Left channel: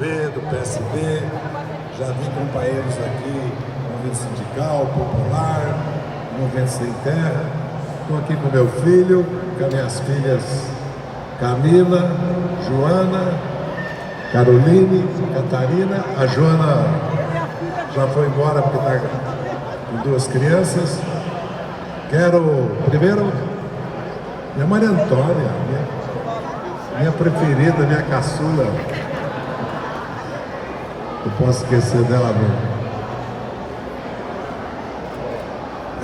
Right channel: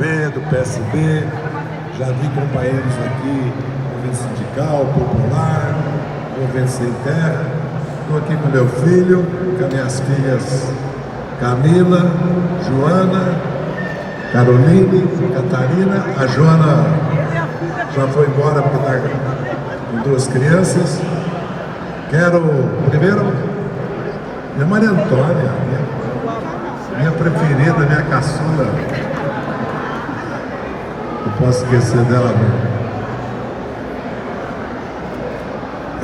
PSB, do PSB, já vi companheiros aqui, movimento sindical, popular, movimento sem terra. Estou aqui com meu filho, com as minhas filhas Camila, Joana, Caroline, Catarina. A Joana já foi embora porque está com duas crianças. Quero, primeiro, minha Maria Antônia, minha preferida, minha caçula. Não posso esquecer dela mesmo.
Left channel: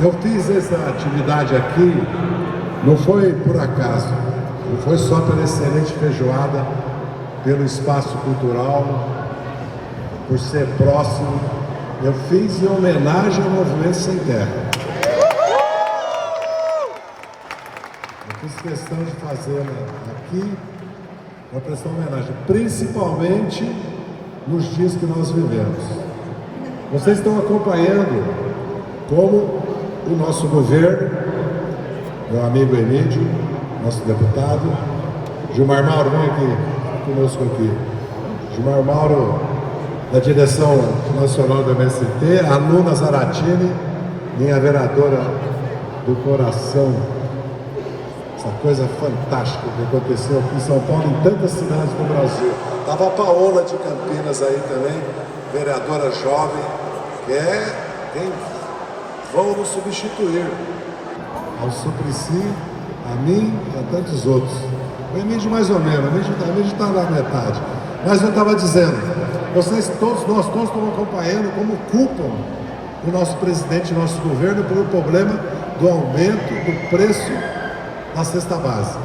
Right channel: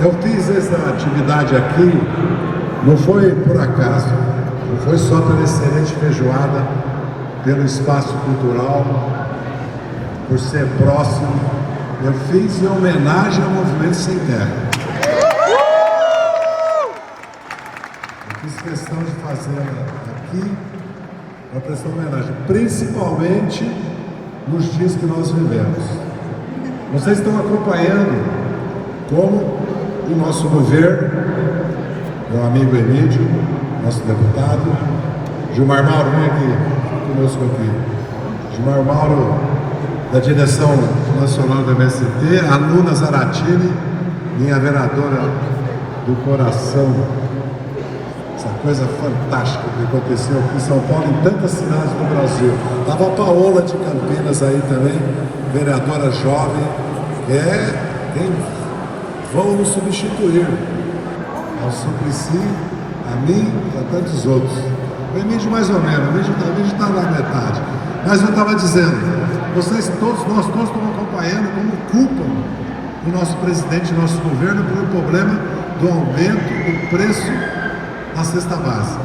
Eu fiz essa atividade aqui, não foi por acaso, não foi só pela excelente feijoada, pelo espaço cultural, por ser próximo. Eu fiz em homenagem ao Movimento Sem Terra. Eu fiz questão de fazer aqui para prestar homenagem, principalmente nos dias que nós vivemos. Vocês estão acompanhando como o nosso governo, meu amigo Emílio, nosso deputado, Gilmar Mauro, vem aqui conosco aqui. Gilmar Mauro, da direção nacional do MST, a Luna Zaratini, minha vereadora do coração. Essa coisa fantástica que aconteceu aqui em São Paulo, em tantas cidades do Brasil. Estava a Paola de Campinas aí também, vereadora jovem, que é quem vão nos substituir. Ao Suplicy, a mim e a tantos outros. O Emílio mais ou menos, o Emílio está na metade. Mas eu estava dizendo, vocês todos, nós todos estamos acompanhando como culpam o nosso presidente, o nosso governo, pelo problema do aumento do preço da cesta básica.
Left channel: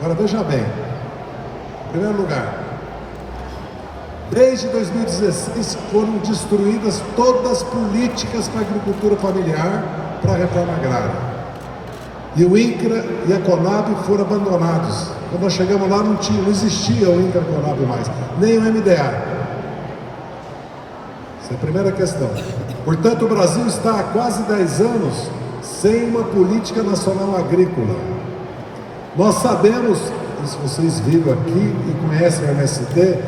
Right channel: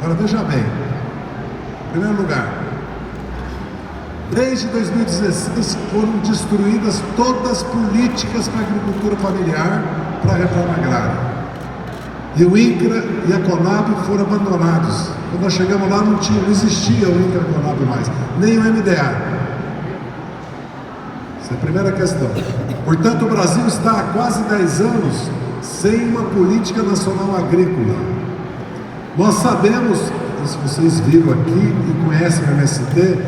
Agora veja bem, em primeiro lugar, desde 2016 foram destruídas todas as políticas para a agricultura familiar, para a reforma agrária. E o INCRA e a CONAB foram abandonados. Quando nós chegamos lá não existia o INCRA e a CONAB mais, nem o MDA. Essa é a primeira questão. Portanto, o Brasil está há quase 10 anos sem uma política nacional agrícola. Nós sabemos, se vocês viram aqui e conhecem o MST,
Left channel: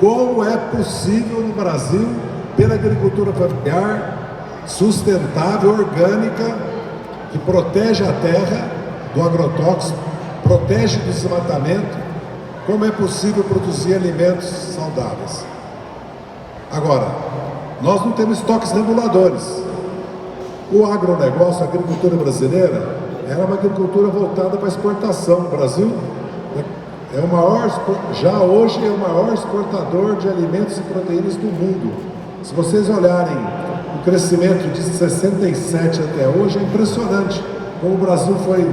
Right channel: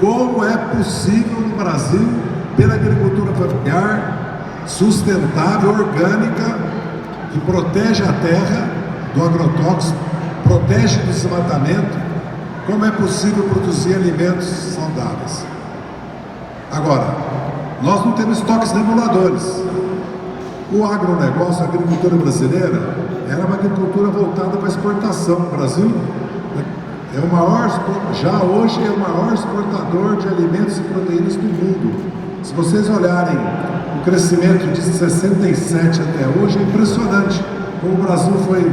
como é possível no Brasil, pela agricultura familiar, sustentável, orgânica, que protege a terra do agrotóxico, protege do desmatamento, como é possível produzir alimentos saudáveis. Agora, nós não temos estoques reguladores. O agronegócio, a agricultura brasileira, era uma agricultura voltada para exportação. O Brasil é o maior, já hoje é o maior exportador de alimentos e proteínas do mundo. Se vocês olharem o crescimento de 67 até hoje, é impressionante. Como o Brasil foi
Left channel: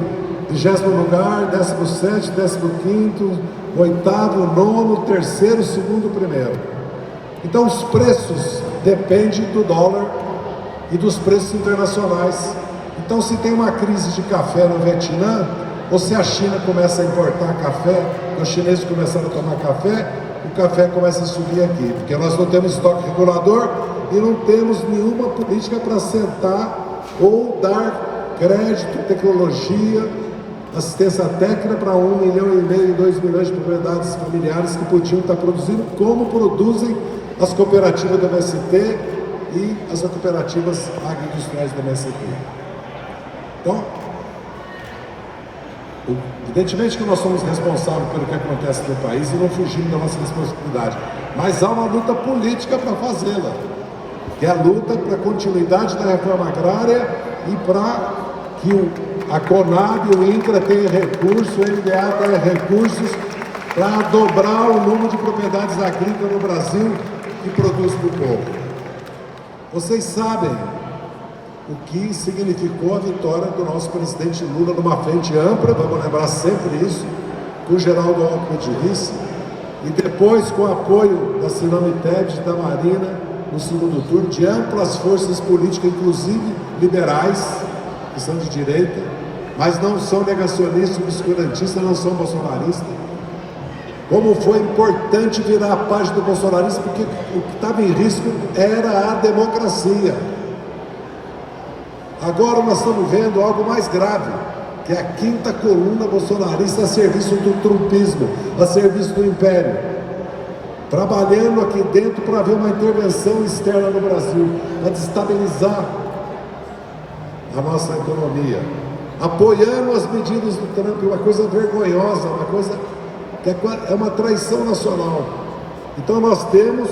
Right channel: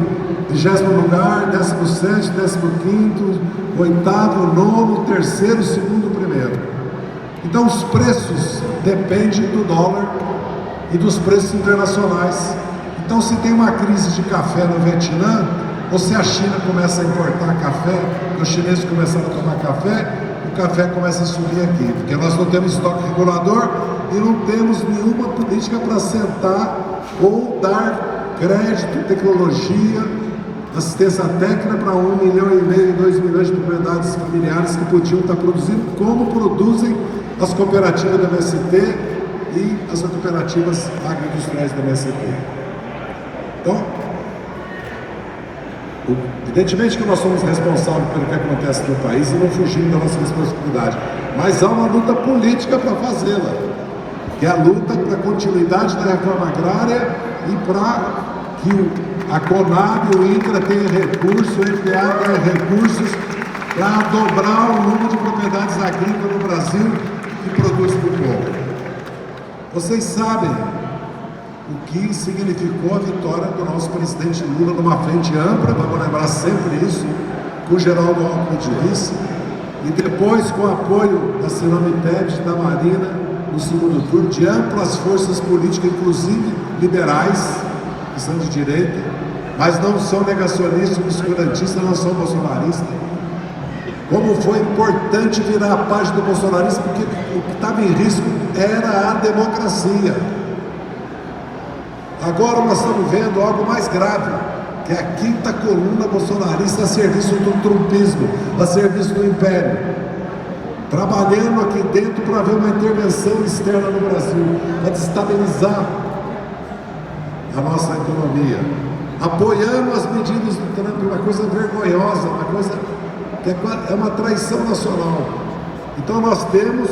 20º lugar, 17º, 15º, 8º, 9º, 3º, 2º, 1º. Então os preços dependem do dólar e dos preços internacionais. Então se tem uma crise de café no Vietnã, ou se a China começa a importar café, os chineses começaram a tomar café, o café começa a subir aqui, porque nós não temos estoque regulador e não temos nenhuma política para sentar ou dar crédito, tecnologia, assistência técnica para 1,5 milhão, 2 milhões de propriedades familiares que podiam estar produzindo, como produzem as cooperativas do MST e as cooperativas agroindustriais do MST. Então, evidentemente que nós somos responsáveis pelo que acontece no país e não fugimos da nossa responsabilidade, mas há uma luta política para fazê-la, que é a luta para a continuidade da reforma agrária e para que a CONAB, o INCRA tenha recursos, o MDA tenha recursos para dobrar o número de propriedades agrícolas no Brasil que produz para o povo. Vocês sabem o que significou a vitória do nosso presidente Lula numa frente ampla, vamos lembrar sempre isso, com o Geraldo Alckmin de vice, e depois com o apoio da Simone Tebet, da Marina, no segundo turno, de amplas forças políticas, inclusive liberais, que são de direita, mas não são negacionistas, obscurantistas, não são bolsonaristas. Como foi importante virar a página do bolsonarismo, porque o que estava em risco era a democracia. Agora nós estamos vendo algo mais grave, que é a quinta coluna bolsonarista a serviço do trumpismo, a serviço do império. trabalhando aqui dentro para ver uma intervenção externa no Brasil, para destabilizar a nossa economia, apoiando as medidas do Trump, uma coisa vergonhosa, uma coisa que é uma traição nacional. Então nós temos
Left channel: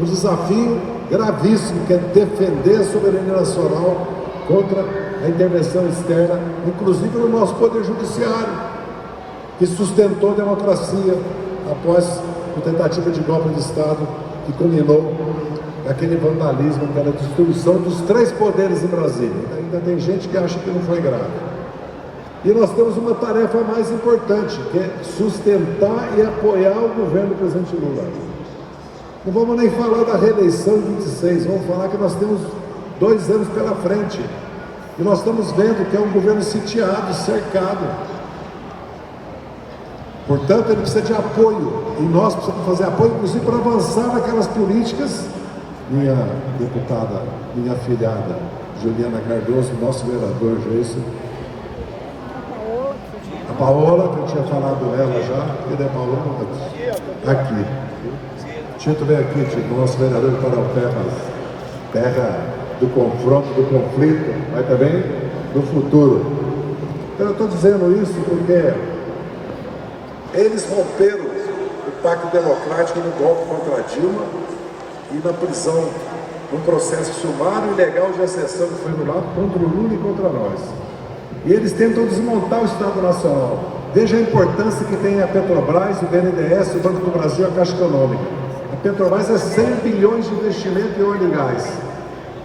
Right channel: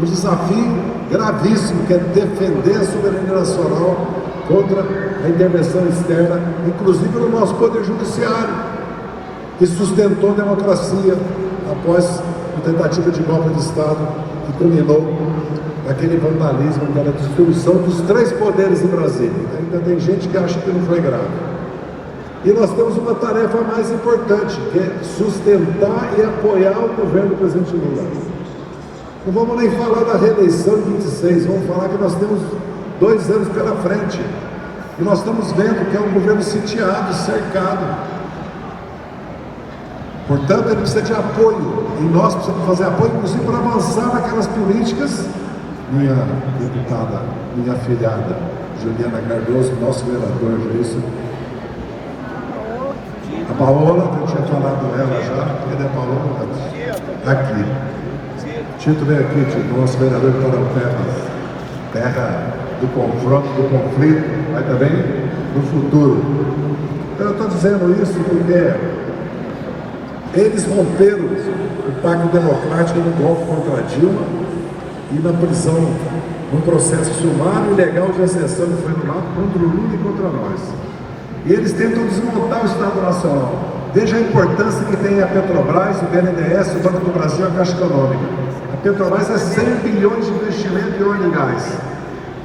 um desafio gravíssimo, que é defender a soberania nacional contra a intervenção externa, inclusive no nosso Poder Judiciário, que sustentou a democracia após a tentativa de golpe de Estado que culminou naquele vandalismo, naquela destruição dos 3 poderes em Brasília. Ainda tem gente que acha que não foi grave. E nós temos uma tarefa mais importante, que é sustentar e apoiar o governo do presidente Lula. Não vamos nem falar da reeleição de 26, vamos falar que nós temos 2 anos pela frente. E nós estamos vendo que é um governo sitiado, cercado. Portanto, ele precisa de apoio, e nós precisamos fazer apoio, inclusive, para avançar naquelas políticas. Minha deputada, minha afilhada, Juliana Cardoso, nosso vereador, Jason, a Paola, que eu tinha falado dela já, cadê a Paola? Aqui. Tito veio aqui, Tito, nosso vereador de Paraupebas, terra do confronto, do conflito, mas também do futuro. Então eu estou dizendo isso porque eles romperam o pacto democrático no golpe contra a Dilma e na prisão, num processo sumário e legal de exceção que foi anulado contra o Lula e contra nós. E eles tentam desmontar o Estado Nacional. Veja a importância que tem a Petrobras, o BNDES, o Banco do Brasil e a Caixa Econômica. A Petrobras é 100 bilhões de investimento em óleo e gás.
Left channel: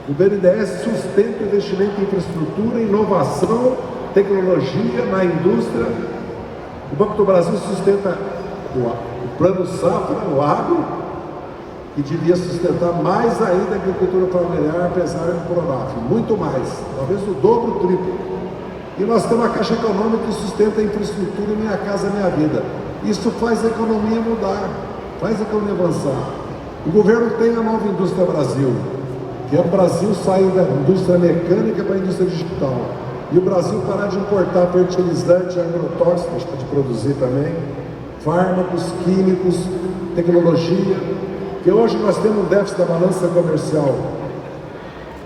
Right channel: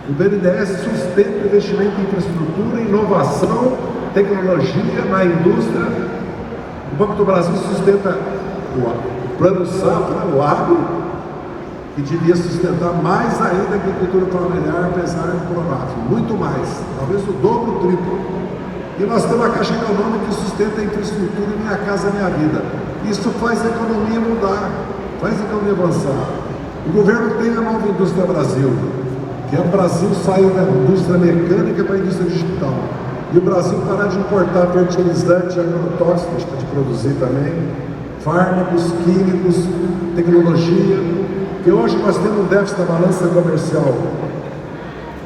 O BNDES sustenta o investimento em infraestrutura, inovação, tecnologia, na indústria. O Banco do Brasil sustenta o Plano Safra, o agro, que devia sustentar mais ainda a agricultura familiar, apesar do Pronaf, muito mais, talvez o dobro, o triplo. E nós temos a Caixa Econômica que sustenta a infraestrutura Minha Casa Minha Vida. Isso faz a economia mudar, faz a economia avançar. O governo tem a nova indústria Brasil, que é o Brasil saiu da indústria mecânica para a indústria digital. E o Brasil parar de importar fertilizante, agrotóxicos, de produzir também, fármacos, químicos, tecnologia, que hoje nós temos um déficit da balança comercial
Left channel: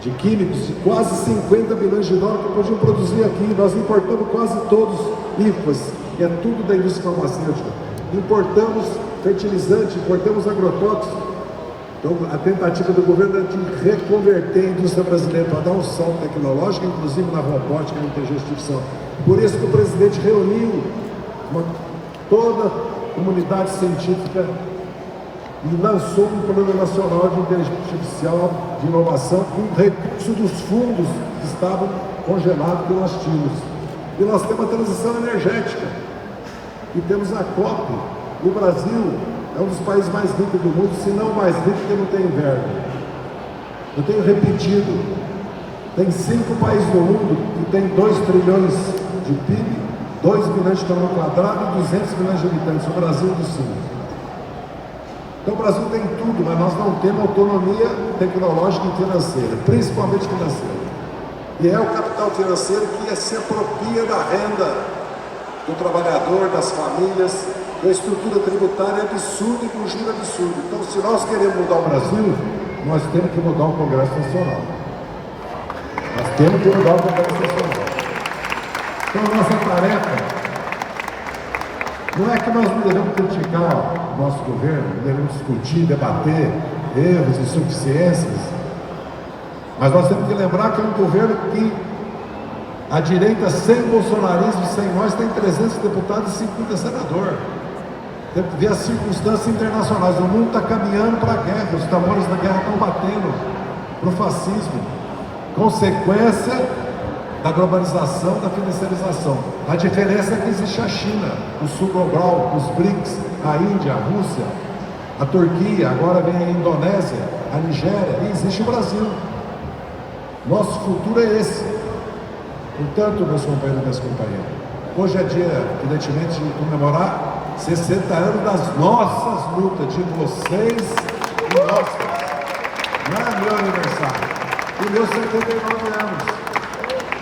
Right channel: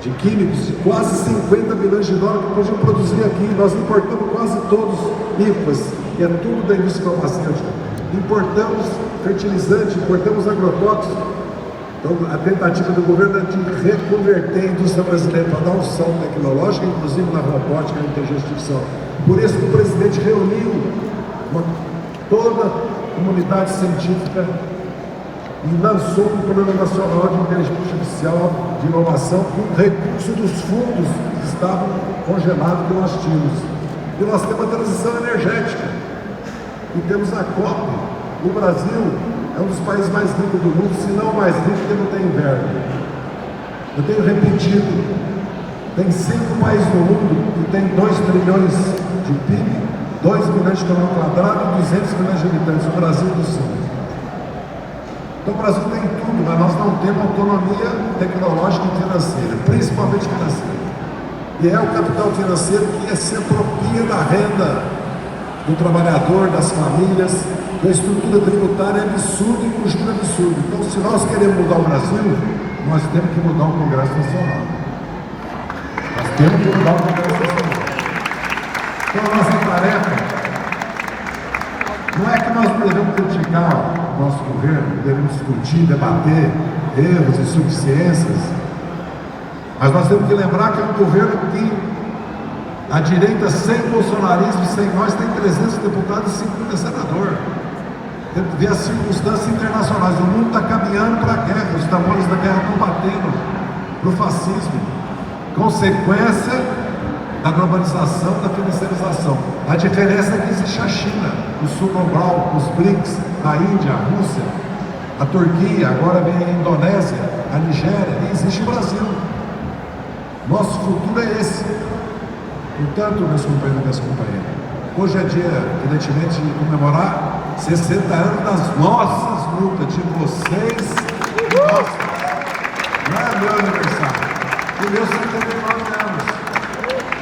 de químicos de quase 50 bilhões de dólares que podiam produzir aqui. Nós importamos quase todos IFAs, que é tudo da indústria farmacêutica. Importamos fertilizante, importamos agrotóxicos. Então, a tentativa do governo é de reconverter a indústria brasileira para dar um salto tecnológico, inclusive na robótica e na inteligência artificial. Por isso que o presidente reuniu toda a comunidade científica e lançou um Plano Nacional de Inteligência Artificial de Inovação com recurso dos fundos que estavam congelados que nós tínhamos. E nós temos a transição energética. E temos a COP. O Brasil é um dos países mais ricos do mundo, se não o mais rico, porque não tem inverno. Eu tenho repetido, tem 5 países no mundo que tem 2 trilhões de PIB, 2 milhões de quilômetros quadrados e 200 milhões de habitantes, o Brasil do Sul. Então o Brasil tem tudo, mas nós não temos autonomia tecnológica e financeira, principalmente financeira. E é o capital financeiro que se apropria da renda do trabalhador, das famílias. A estrutura tributária é absurda e conjunta absurda. Então, se nós queremos mudar o Brasil, nós temos que mudar o Congresso Nacional. Nós temos que mudar o Congresso Nacional. Então, a nossa tarefa não é que nós não devemos criticar o nosso governo, devemos discutir, debater erros e insuficiências, mas nós temos que lembrar que é um governo que a direita, sem bolsonarismo, sem nós, tem 300 deputados e 50 senadores. Tem que ver as circunstâncias internacionais. O mundo está caminhando para a guerra, os tambores da guerra estão batendo no fascismo. Consequência da globalização, da financiarização. A diferença é que existe a China, o sul global, os BRICS, a Índia, a Rússia, a Turquia, agora vem a Indonésia, a Nigéria, e existe o Brasil. Nosso futuro é esse. Portanto, meus companheiros e minhas companheiras, hoje é dia, evidentemente, de comemorar 60 anos das nossas lutas, de vocês e nossas. Não é meu aniversário, o meu 79 anos.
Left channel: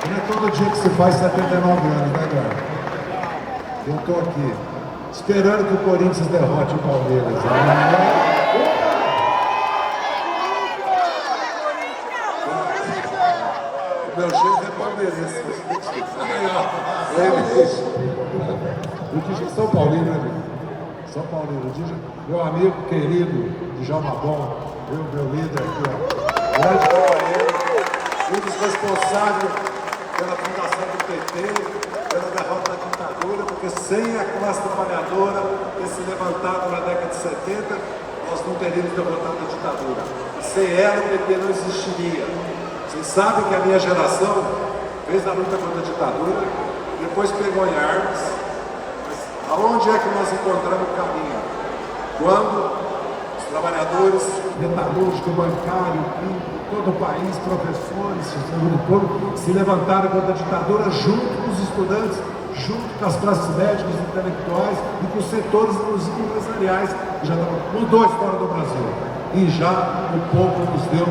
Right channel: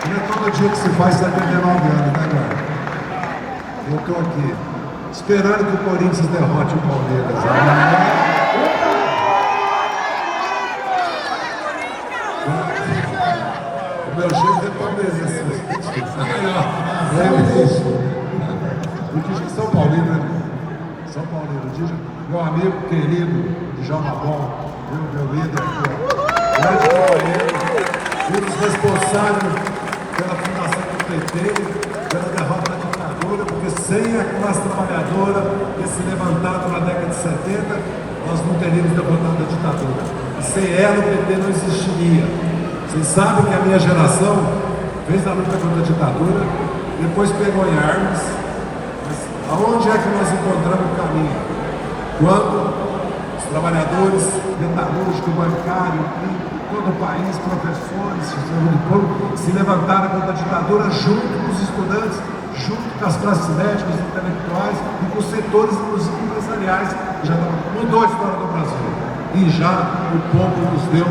Não é todo dia que se faz 79 anos, né, galera? Eu estou aqui. esperando que o Corinthians derrote o Palmeiras. O meu jeito é palmeirense. O que São Paulino, né? São Paulino, meu amigo querido que joga bola, meu líder aqui, grande Paulino, um dos responsáveis pela fundação do PT, pela derrota da ditadura, porque sem a classe trabalhadora ter se levantado na década de 70, nós não teríamos derrotado a ditadura. E sem ela o PT não existiria. Vocês sabem que a minha geração fez a luta contra a ditadura, depois pegou em armas. Mas aonde é que nós encontramos o caminho? Quando os trabalhadores, metalúrgico, bancário, todo o país, professores, saúde pública, se levantaram contra a ditadura junto com os estudantes, junto com as classes médicas, intelectuais e com os setores, inclusive empresariais, que já mudou a história do Brasil. E já o povo nos deu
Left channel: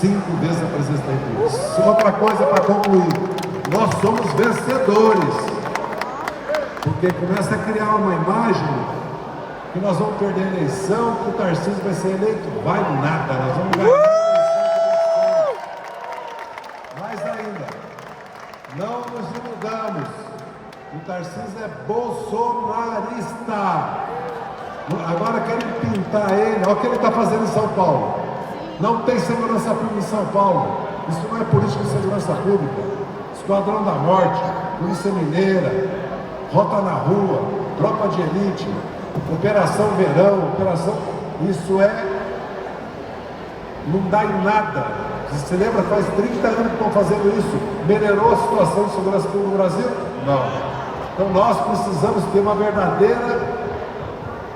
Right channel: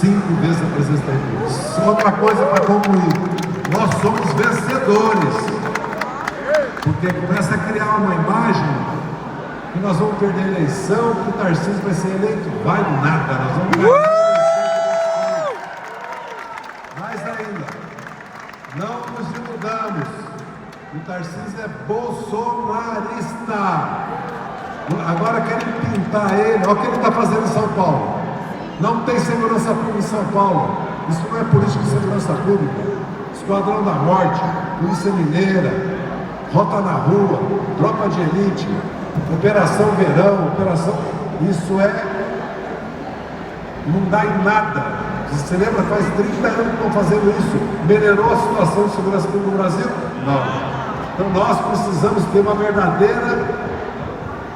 5 vezes a presença da República. Outra coisa para concluir, nós somos vencedores, porque começa a criar uma imagem que nós vamos perder a eleição, que o Tarcísio vai ser eleito. Vai nada, nós vamos ganhar. Mais ainda, não nos iludamos, o Tarcísio é bolsonarista. Agora querem pintar ele, olha o que ele está fazendo em São Paulo. Não tem segurança pública em São Paulo. Isso não é política de segurança pública. Esquadrão da Morte, Polícia Mineira, Rota na Rua, Tropa de Elite, Operação Verão, isso não dá em nada. Você se lembra, faz 30 anos que estão fazendo isso. Melhorou a situação de segurança pública no Brasil? Não. Então nós precisamos ter uma verdadeira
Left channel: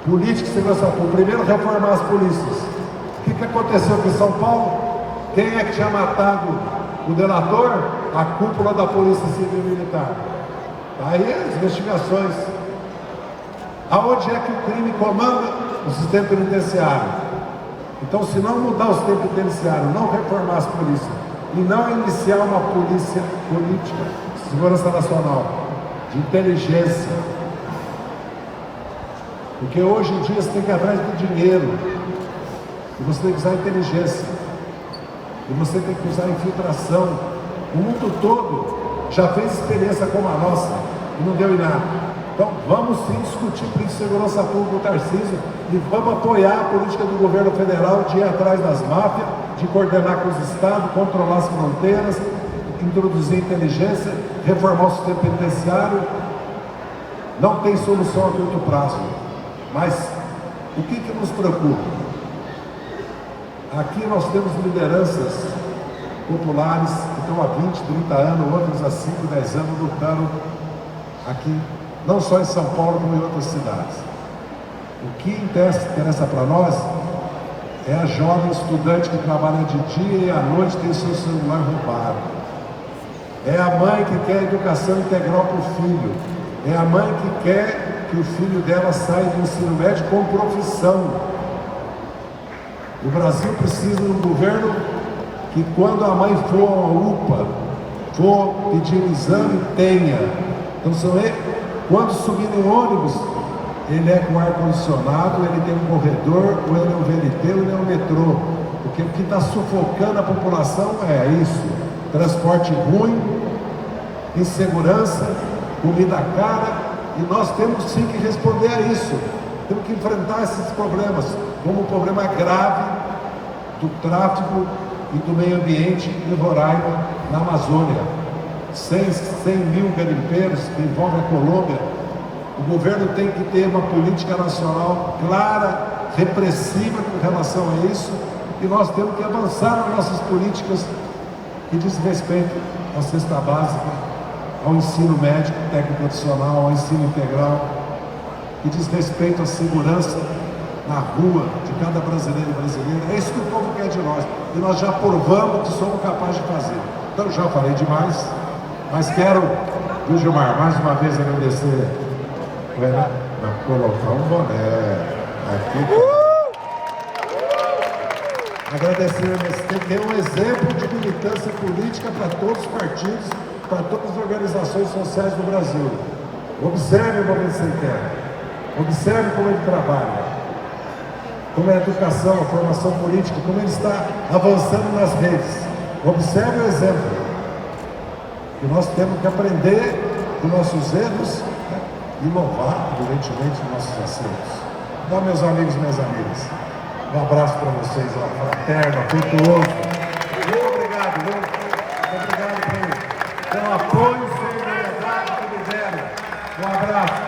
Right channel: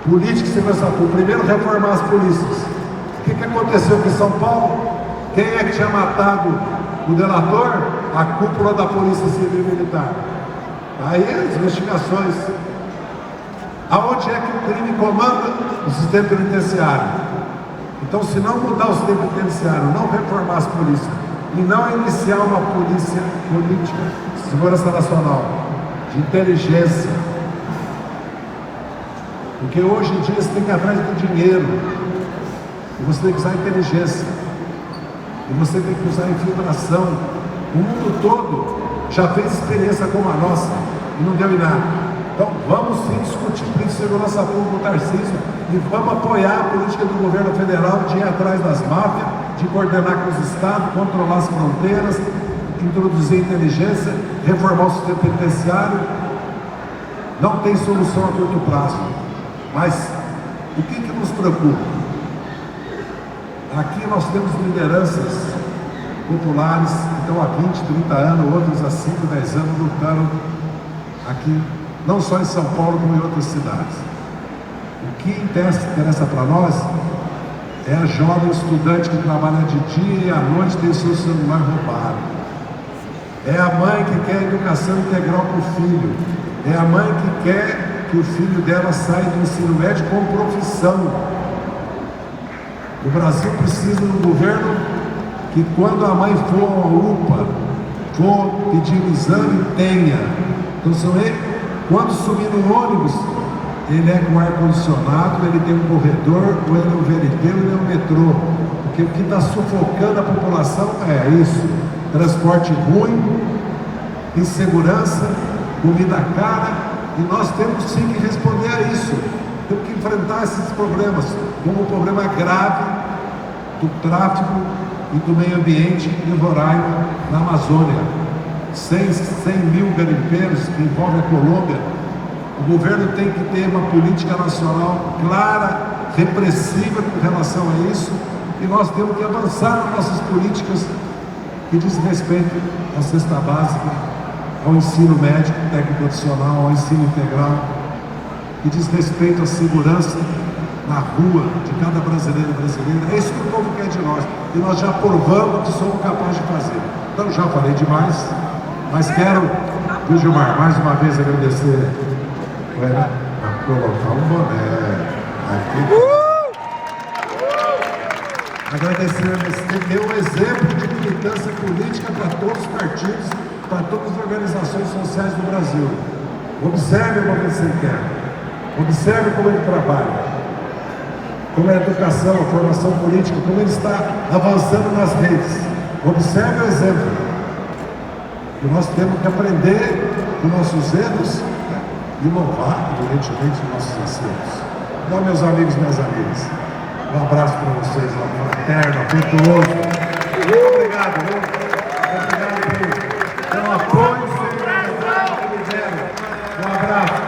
política de segurança pública. Primeiro, reformar as polícias. O que aconteceu aqui em São Paulo? Quem é que tinha matado o delator? A cúpula da Polícia Civil e Militar. Aí as investigações. Aonde é que o crime comanda? O sistema penitenciário. Então, se não mudar o sistema penitenciário, não reformar as polícias e não iniciar uma polícia política, de segurança nacional, de inteligência, porque hoje em dia você tem que ir atrás do dinheiro, e você tem que usar inteligência, e você tem que usar infiltração. O mundo todo já fez experiência como a nossa e não deu em nada. Então vamos sim discutir política de segurança pública do Tarcísio e vamos apoiar a política do governo federal de ir atrás das máfias, de coordenar com os estados, controlar as fronteiras, introduzir inteligência, reformar o sistema penitenciário. Não tem solução a curto prazo, mas o que nos preocupa? Aqui nós temos lideranças populares que estão há 20, 30 anos, outros há 5, 10 anos lutando aqui, não só em São Paulo, como em outras cidades. O que interessa para nós é a jovem estudante que trabalha de dia e à noite tem seu celular roubado. É a mãe que quer educação integral para o filho. É a mãe que quer que o filho dela saia do ensino médio com profissão. O Brasil precisa de um governo que, quando a mãe for a uma UPA, for pedir um exame, tenha. Então, quando subir em ônibus, ele é com ar-condicionado, ele tem um corredor, ou ele é um VLT, ou ele é um metrô. Porque o que está sufocando a população é isso: transporte ruim, insegurança, comida cara, e nós temos sim que responder a isso. Temos que enfrentar esses problemas, como o problema grave do tráfico e do meio ambiente em Roraima, na Amazônia. 100 mil garimpeiros que envolvem a Colômbia. O governo tem que ter uma política nacional clara, repressiva com relação a isso, e nós temos que avançar nas nossas políticas que diz respeito à cesta básica, ao ensino médico, técnico profissional, ao ensino integral, que diz respeito à segurança na rua de cada brasileiro e brasileira. É isso que o povo quer de nós, e nós já provamos que somos capazes de fazer. Então já falei demais, mas quero, viu, Gilmar, mais uma vez agradecer, colocar um boné aqui. Agradecer, você tem um exemplo de militância política para todos os partidos, para todas as organizações sociais do Brasil. Observe o movimento sem terra. Observe como ele trabalha, como é a educação, a formação política, como ele está avançando nas redes. Observe o exemplo. Que nós temos que aprender com nossos erros e louvar, evidentemente, nossos acertos. Então, meus amigos e minhas amigas, um abraço para vocês, uma fraterna, afetuoso. Obrigado, obrigado pelo apoio e solidariedade que me deram. Um abraço.